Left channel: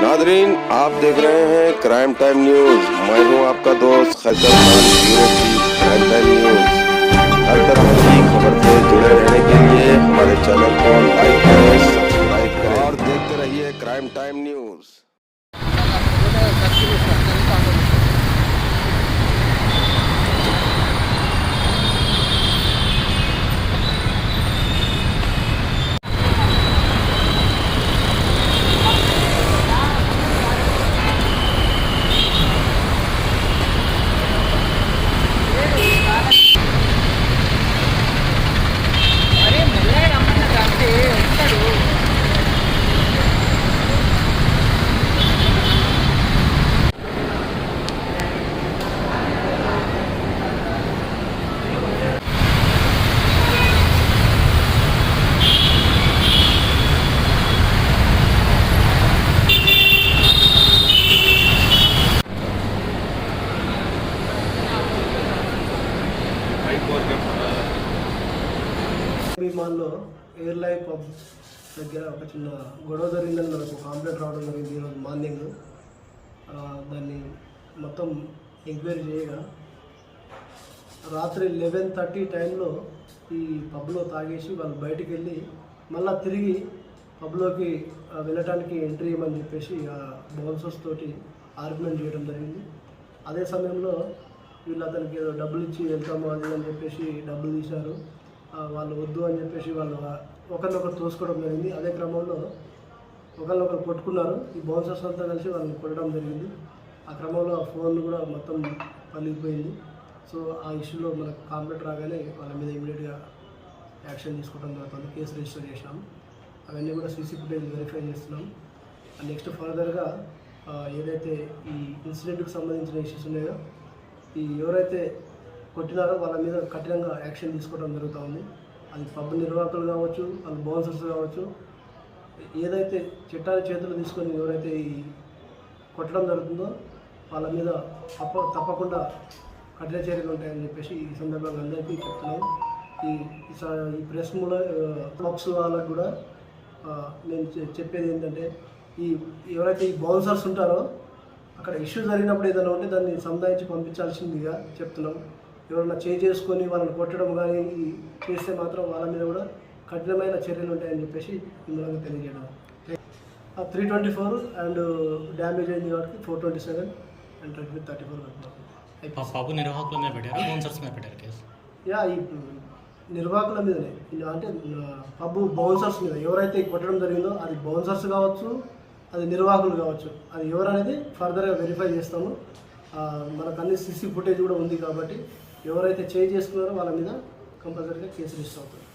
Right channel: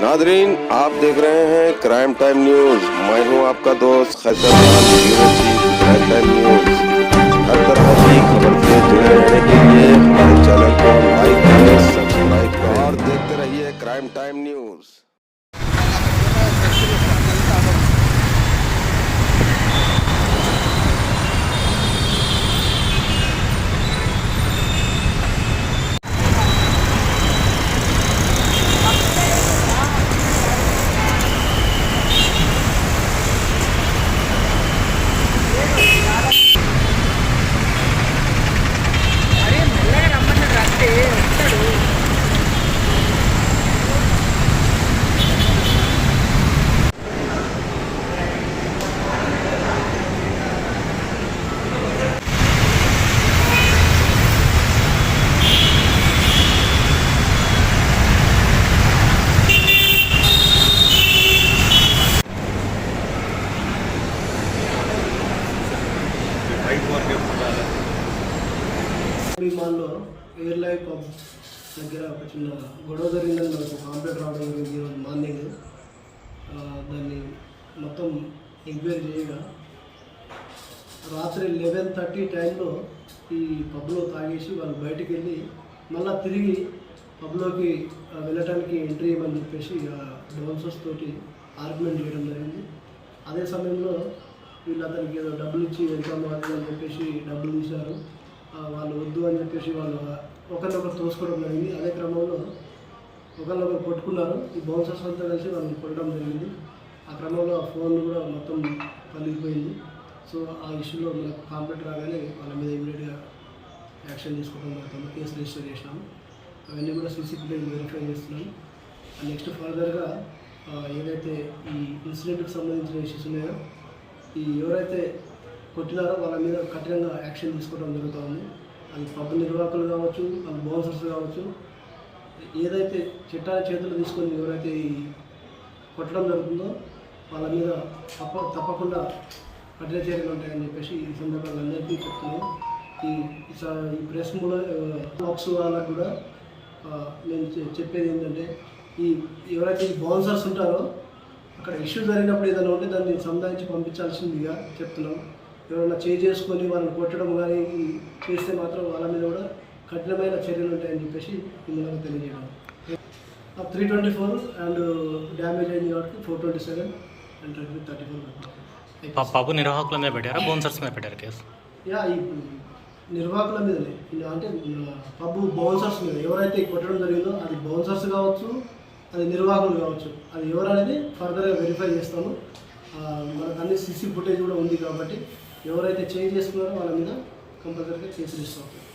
Nadreen, आप देख रहे हैं क्राइम टाइम न्यूज। मैं हूं आपका दोस्त Qaiser Khan, bureau chief crime time news. हर तरह की खबर से जुड़े रहने के लिए हमारे चैनल को लाइक करें, सब्सक्राइब करें और देखते रहिए क्राइम टाइम न्यूज। విమానంలో ఎయిర్ లైఫ్ పబ్ దగ్గర ఒక చిన్న గొడవ జరిగిందని మనకు కంప్లైంట్ రావడం జరిగింది ఈరోజు మార్నింగ్. దాన్ని మొత్తం ఎంక్వైరీ చేయగా రాత్రి 11:30 టైంలో ఈ పబ్లో తాగేసి వాళ్ళు బయటికి వెళ్ళి మళ్ళీ తిరిగి పబ్లోకి వెళ్ళటానికి ఎంట్రీ ఇవ్వమని చెప్పేసి బౌన్సర్స్ తోటి ఆర్గ్యుమెంట్ చేయడం జరిగింది. అదే సమయంలో వీళ్ళు అతనికి ఏదో డబ్బులు ఇచ్చి వెళ్తాము అది అని చెప్పేసి డబ్బులు తీశారు. వాళ్ళు వద్దు అని చెప్పేసి వాళ్ళు ఒకరినొకరు తోసుకోవడం జరిగింది. అదే క్రమంలో ఒకరినొకరు కొట్టుకున్నారు. ఈ బౌన్సర్స్ అంతా కలిసి వాళ్ళని కొట్టడం జరిగింది. ఆ క్రమంలో ఫోన్ కూడా మొత్తం పలిగిపోయింది. సో ఆ ఇష్యూలో మనకు కంప్లైంట్ రాగానే వాళ్ళ మీద ఇమీడియట్గా యాక్షన్ తీసుకోవడం జరుగుతుంది. కేసు రిజిస్టర్ చేసినాం. అవన్నీ కూడా సీసీ ఫుటేజ్ వెరిఫై చేస్తున్నాం. నెక్స్ట్ ఫర్దర్గా ఏదైతే ఈ ఇన్సిడెంట్కి సంబంధించిన ఇష్యూస్ ఉన్నాయో ఈ ఎవరైతే కొట్టినారో వాళ్ళ మీద కఠినంగా యాక్షన్ తీసుకోవడం జరుగుతూ ఉంది. అది పబ్ నిర్వాహకులు కావచ్చు, వాళ్ళు బౌన్సర్స్ కావచ్చు, ఏదైతే చట్టాన్ని చేతులు తీసుకొని ఎవరైతే ఈ కొట్టడం జరుగుతుందో వాళ్ళ మీద తప్పకుండా కఠిన చర్యలు ఉంటాయని చెప్పేసి ఈ సందర్భంగా అందరికీ చెప్తున్నాం. ఈ ప్రెస్ బాక్స్ వాళ్ళకు కూడా నేను చెప్పేది ఏంటంటే ఎవరైతే ఈ బౌన్సర్స్ ఉంటారో అక్కడ ఇష్యూ జరిగినప్పుడు ఏదైనా ఉంటే దాన్ని సంధానించి పంపించాల్సిందిగా చెప్తున్నాం. ఎవరైనా చేసుకొని వాళ్ళని కొట్టడం కానీ చేస్తే మాత్రం వాళ్ళ మీద కూడా కఠినమైన చర్యలు ఉంటాయని చెప్పేసి మిమ్మల్ని తెలియజేయడం. 324 అండ్ డ్యామేజ్ అయింది కాబట్టి 427 అండ్ 34. పబ్ నిర్వాహకుల మీద పెట్టారా, బౌన్సర్స్ మీద పెట్టారు కేసు? ఈ నిర్వాహకుల మీదనే, అంటే పబ్ బౌన్సర్స్ మీద ఎవరైతే కొట్టడం జరిగిందో అది బౌన్సర్స్ కావచ్చు, అది నిర్వాహకులు కావచ్చు, అది ఎవరనేది ఫర్దర్గా వెరిఫై చేస్తాము. మనకు అన్ని సీసీ ఫుటేజ్ కూడా ఉంది కాబట్టి ఎవరైతే చేసుకున్నారో వాళ్ళ మీద కంపల్సరీగా కేసు రిజిస్టర్ అవుతుంది.